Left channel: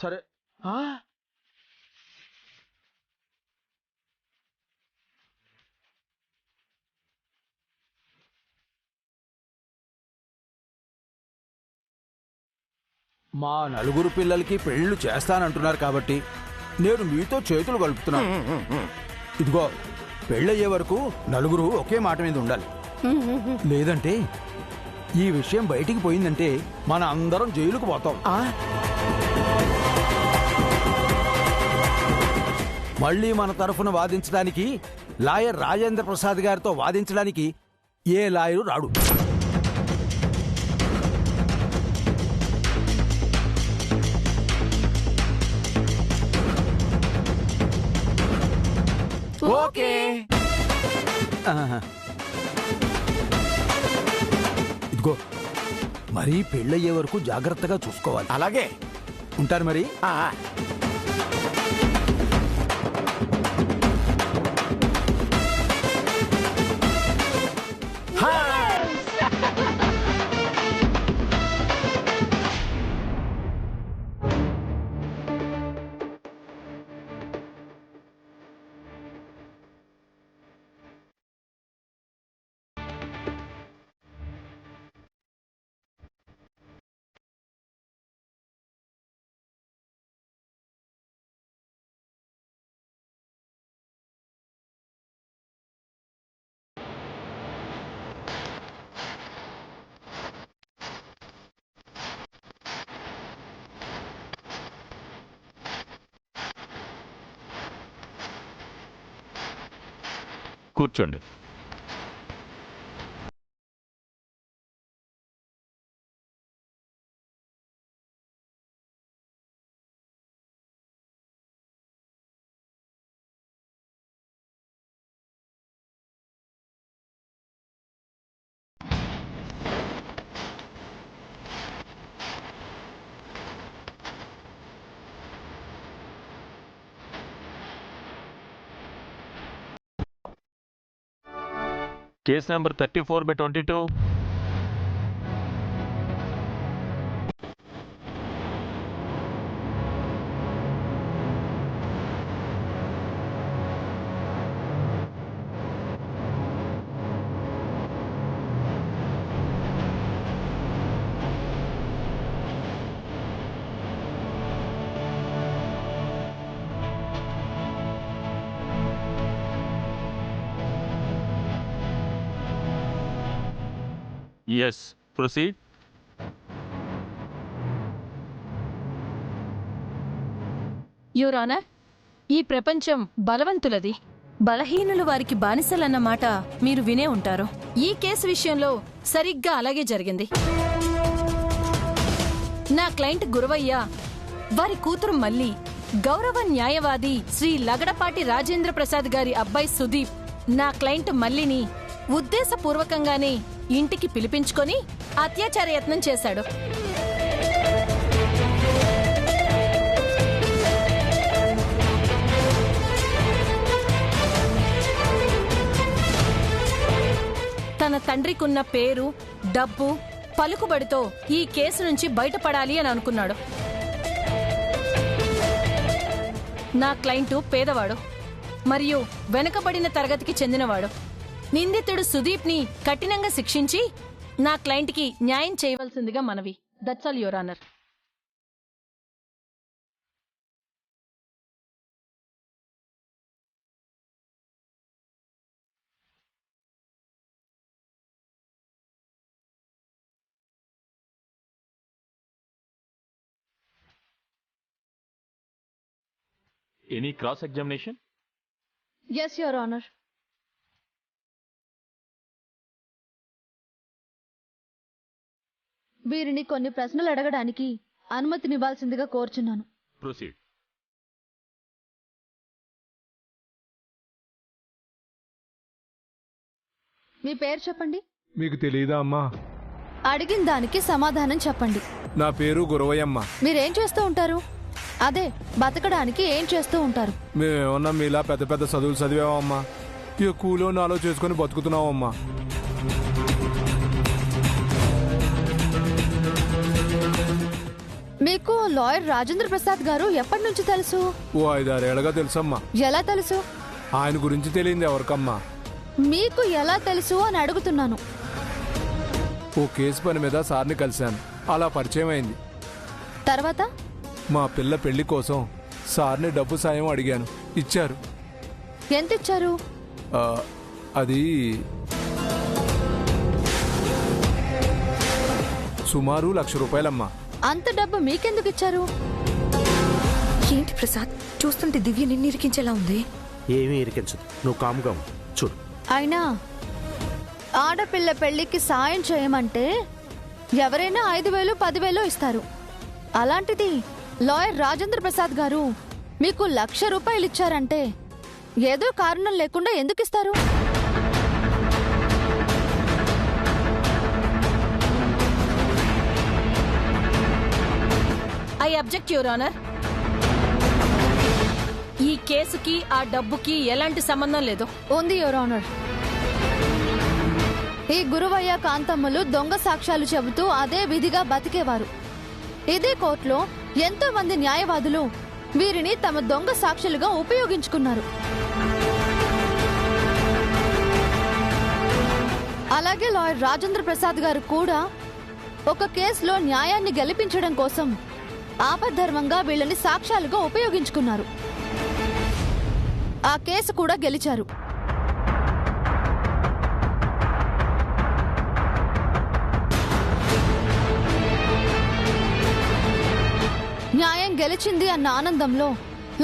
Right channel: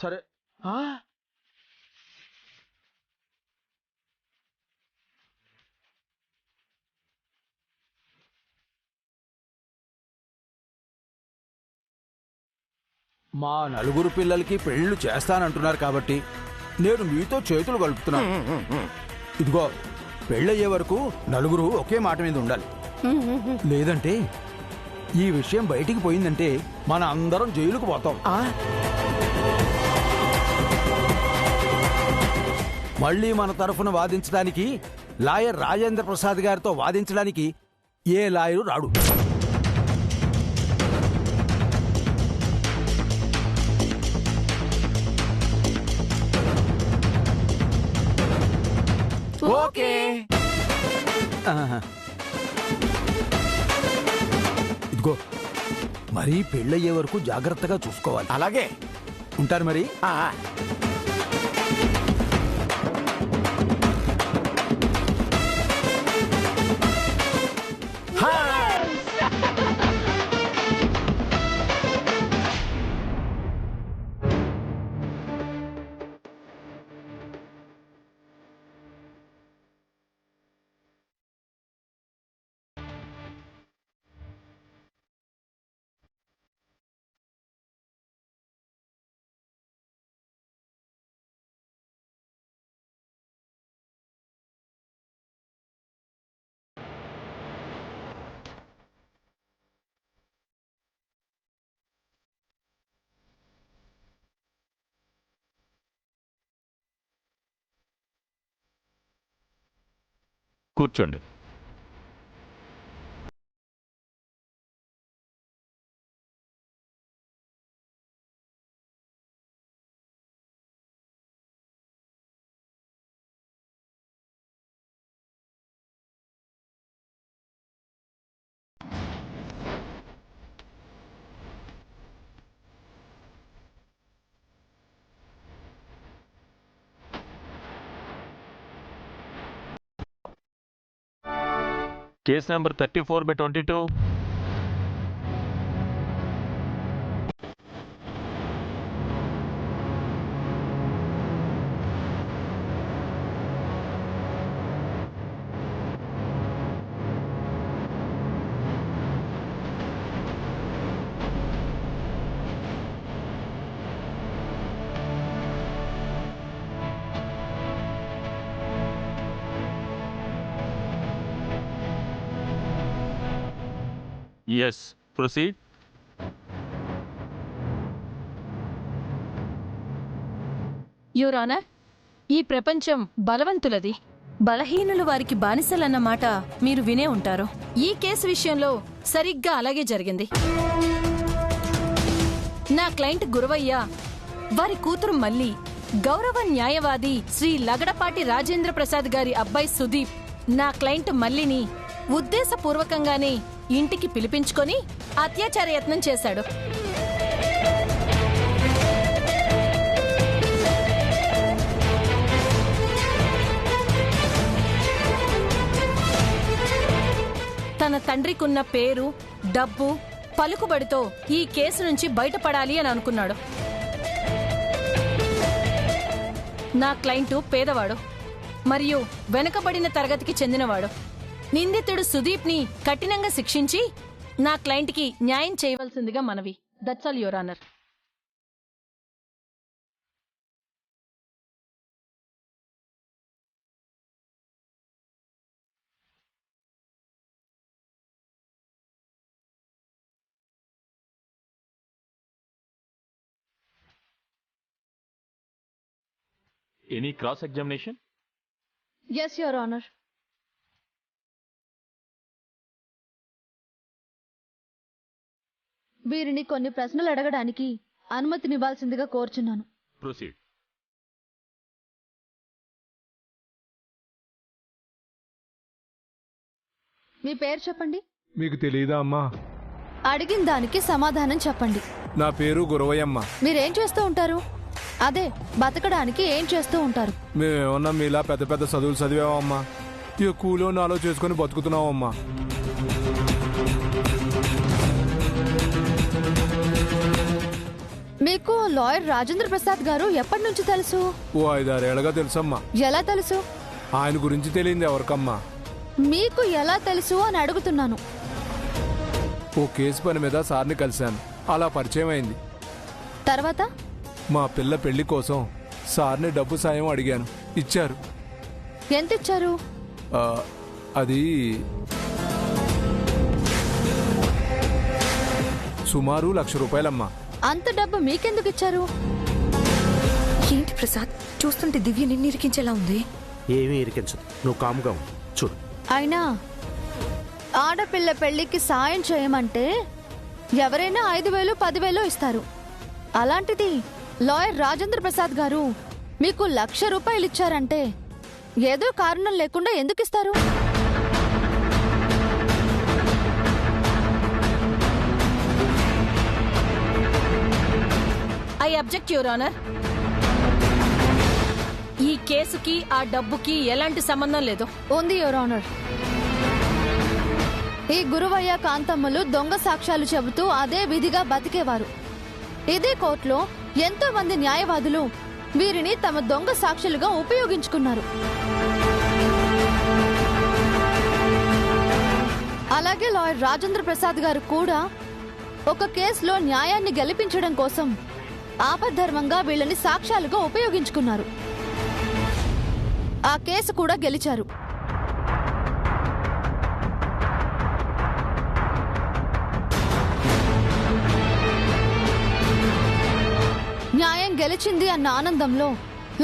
సరే. మా నలుగురు పిల్లలకి పెళ్లిళ్ళు చేస్తానంటున్నారు కాబట్టి నేను మీతో చేతులు కలుపుతున్నాను. ఇదిగో పెళ్ళయ్యే వరకు నలుగురు ఒకే మాట మీద ఉండాలి. లేదంటే ఈ విషయం బయటికి పోయిందంటే మన అందరం జైలుకు పోతాం. మళ్ళీ మన తరఫున వాదించడానికి లాయర్ రాజేంద్ర ప్రసాద్ గారితో వాదించడానికి ఏ లాయరు రాడు. ఓకే. ఇదిగో మరీ పెళ్ళయ్యే వరకు జాగ్రత్తగా చూసుకోవాలి. అలాగే ఉంటారు మరి. కూర్చోండి. Case number 34/22. Yes, proceed. Your honour, ఈ ప్రపంచం బలవంతులది, బలహీనులు వారికి బానిసలన్న మాట మీరు వినే ఉంటారు. ఈ కేసు విషయంలో సరిగ్గా అలాగే జరిగింది. నా క్లయింట్ గురవయ్య, వారి కూతురు మల్లి, గౌరవ న్యాయవాది శ్రీ లగడపాటి రాజేంద్ర ప్రసాద్ గారి అబ్బాయి సుదీప్ నా క్లయింట్ మల్లిని ఉద్దేశపూర్వకంగానే ఇంటికి పిలిపించుకొని అత్యాచార యత్నం చేశాడు. తన తండ్రికున్న పేరు, డబ్బు, పలుకుబడితో ఈ కేసు నుంచి బయటపడాలి అని అనుకున్నాడు. నా క్లయింటు పేదవాడు మరియు వెనుకబడిన తరగతికి చెందినవాడు. నిందితుడు సుదీప్ ని కఠినంగా శిక్షించి నా క్లయింట్ కి న్యాయం చేయవలసిందిగా మనవి. That's all your honour. Any cross examination? Yes, Your Honor. వీరిని కొన్ని ప్రశ్నలు అడగడానికి అనుమతినివ్వాల్సిందిగా కోరుచున్నాను. Proceed. మీ పేరు చెప్పండి. మీకు తెలియదా అమ్మా? అడిగిన దానికి సమాధానం చెప్పండి. నా పేరు గురవయ్యమ్మ. మీరేం చేస్తూ ఉంటారు? అదే బతకడానికి ఏం చేస్తూ ఉంటారు? మేమేమన్నా మీలా పెద్ద పెద్ద చదువులు చదివామమ్మా. ఇక కూలో నాలో చేసుకుని బతుకుతున్నావమ్మా. మీకు లాయర్ రాజేంద్ర ప్రసాద్ గారు ఎప్పటి నుంచి తెలుసు? ఓ 5-6 ఏళ్ళగా తెలుసమ్మా. ఎలా తెలుసు? ఆయన గురించి తెలియంది ఎవరికమ్మా? మీకు ఎలా తెలుసు అని అడుగుతున్నాను. ఓ కేసు పని మీద సార్ని కలిశాను, అలా పరిచయం అయింది. తర్వాత? మా పిల్ల పెళ్లి కోసం సార్ని డబ్బు సాయం అడిగాను, ఇచ్చారు. ఎంత ఇచ్చారు? ఆ, అది సుమారు 1,00,000 రూపాయలమ్మా. అంత డబ్బు మీకెందుకు ఇచ్చారు? ఏంటి ప్రసాద్, చూస్తుంటే దివ్య నిన్ను ఇరికించేలా ఉంది. ఏమీ ఇరికించదు, నువ్వు కాముగా ఉండు. చూడు, అయినా ఆడపిల్ల పెళ్లికి సాయం చేయమంటే ఎవరైనా 5,000 10,000 ఇస్తారు. అలాంటిది లాయర్ రాజేంద్ర ప్రసాద్ గారు మీకు 1,00,000 రూపాయలు ఇచ్చారంటే ఏదో కారణం లేకుండా ఎందుకు ఇస్తారు? I object your honour. ఈ కేసుకి ఆ డబ్బుకి ఎలాంటి సంబంధం లేదు. ఉంది యువర్ ఆనర్. ఈ గురువయ్య కాంతమ్మలు దొంగ సాక్ష్యాలు చెబుతూ అదే విధిగా బతికేవారు. ఇదే కోర్టులో ఎంతో మంది న్యాయవాదులు వీరిని తమ దొంగ సాక్షులుగా ఉపయోగించుకున్నారు. అలాగే లాయర్ రాజేంద్ర ప్రసాద్ గారు కూడా ఒక కేసులో న్యాయాన్ని గెలిపించడం కోసం ఆపద్ధర్మంగా వీళ్ళని సాక్ష్యాలుగా ఉపయోగించుకున్నారు. ఆ కేసు కూడా గెలిచారు. న్యాయం గెలిచింది అన్న ఆనందంలో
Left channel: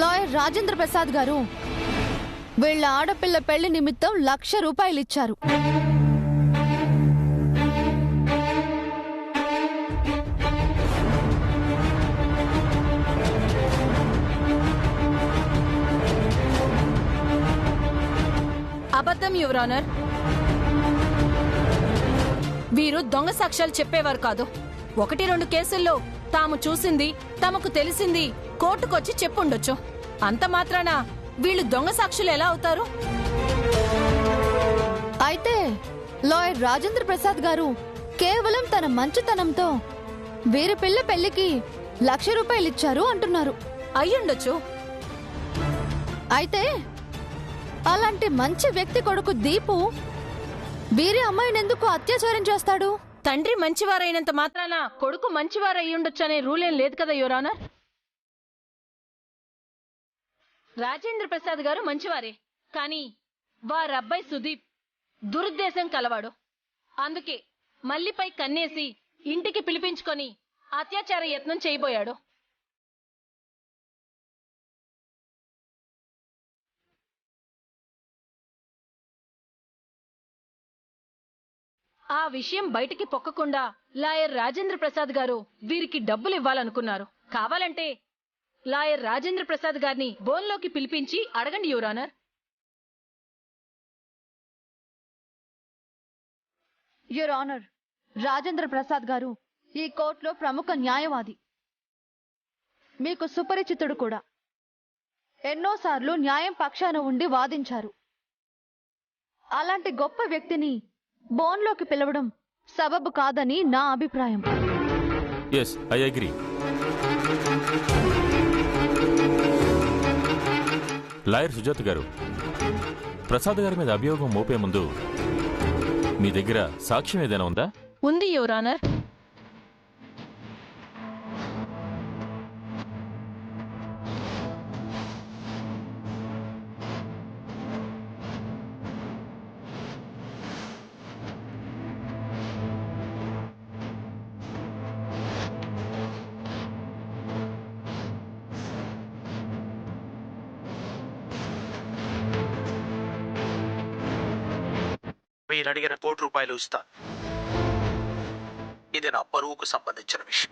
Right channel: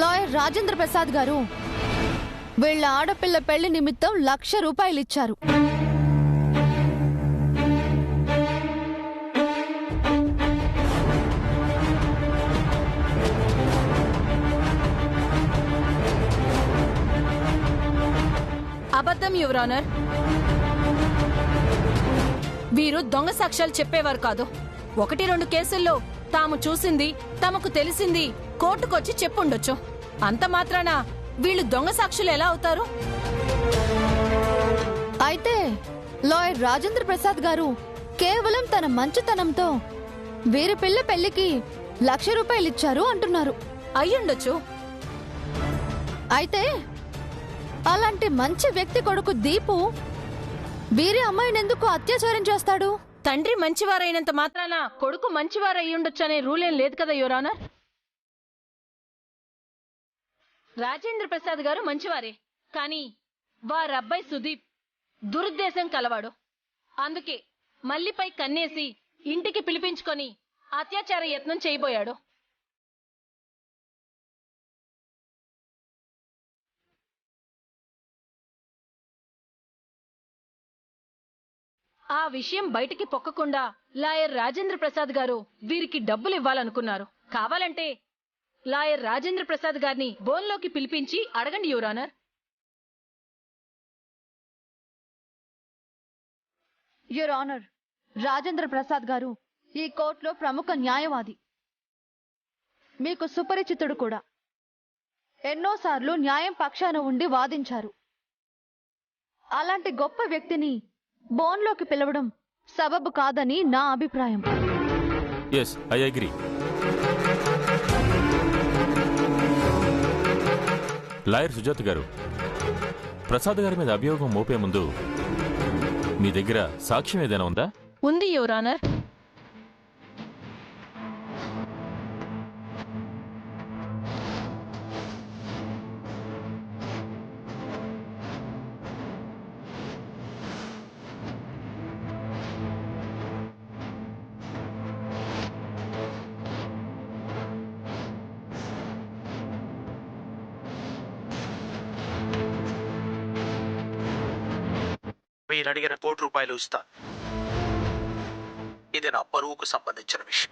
లాయర్ రాజేంద్ర ప్రసాద్ గారు వీళ్ళ ఆడపిల్ల పెళ్లి నిమిత్తం 1,00,000 రూపాయలు ఇచ్చారు. అబద్ధం యువర్ ఆనర్. వీరు దొంగ సాక్ష్యాలు చెప్పేవారు కాదు. 1-2 కేసుల్లో తాము చూసింది, తమకు తెలిసింది కోర్టుకొచ్చి చెప్పుండొచ్చు. అంత మాత్రాన వీళ్ళు దొంగ సాక్షులు ఎలా అవుతారు? అయితే లాయర్ రాజేంద్ర ప్రసాద్ గారు కేవలం తన మంచితనంతో వీరి పిల్ల పెళ్లికి 1,00,000 రూపాయలు ఇచ్చారు అంటున్నారు. అయ్యుండొచ్చు. అయితే అలాంటి మంచి వ్యక్తి కొడుకు దీపు వీరి అమ్మాయినెందుకు అత్యాచారం చేస్తాడు? తండ్రి మంచివారైనంత మాత్రాన కొడుకు మంచివారయ్యుండొచ్చు అనే రూలేం లేదు కదా యువర్ ఆనర్. రాజేంద్ర ప్రసాద్ గారు మంచివారే, కానీ వారబ్బాయి సుదీప్ దురుద్దేశం కలవాడు. అందుకే మల్లిపై కన్నేసి ఇంటికి పిలిపించుకొని అత్యాచార యత్నం చేయబోయాడు. ఆ విషయం బయటికి పొక్కకుండా లాయర్ రాజేంద్ర ప్రసాద్ గారు వీరికి డబ్బులు ఇవ్వాలనుకున్నారు. కావాలంటే లాయర్ రాజేంద్ర ప్రసాద్ గారిని బోన్లోకి పిలిపించి అడగండి your honour. Your honour, Rajendra Prasad గారు ఈ కోర్టులో ప్రముఖ న్యాయవాది, మీకు సుపరిచితుడు కూడా. ఎన్నోసార్లు న్యాయం పక్షాన ఉండి వాదించారు. అలాంటి గొప్ప వ్యక్తిని బోన్లోకి పిలవడం సబబు కాదని నా అభిప్రాయం. Yes, I agree. Lawyer Sujatha గారు, ప్రసాద్ గారి మీద అభియోగం మోపే ముందు మీ దగ్గర సాక్ష్యం ఏదైనా ఉందా? ఉంది యువర్ ఆనర్. మీరు అడిగిన ₹1,00,00,000 ఇస్తా. ఇది నా పరువుకు సంబంధించిన విషయం.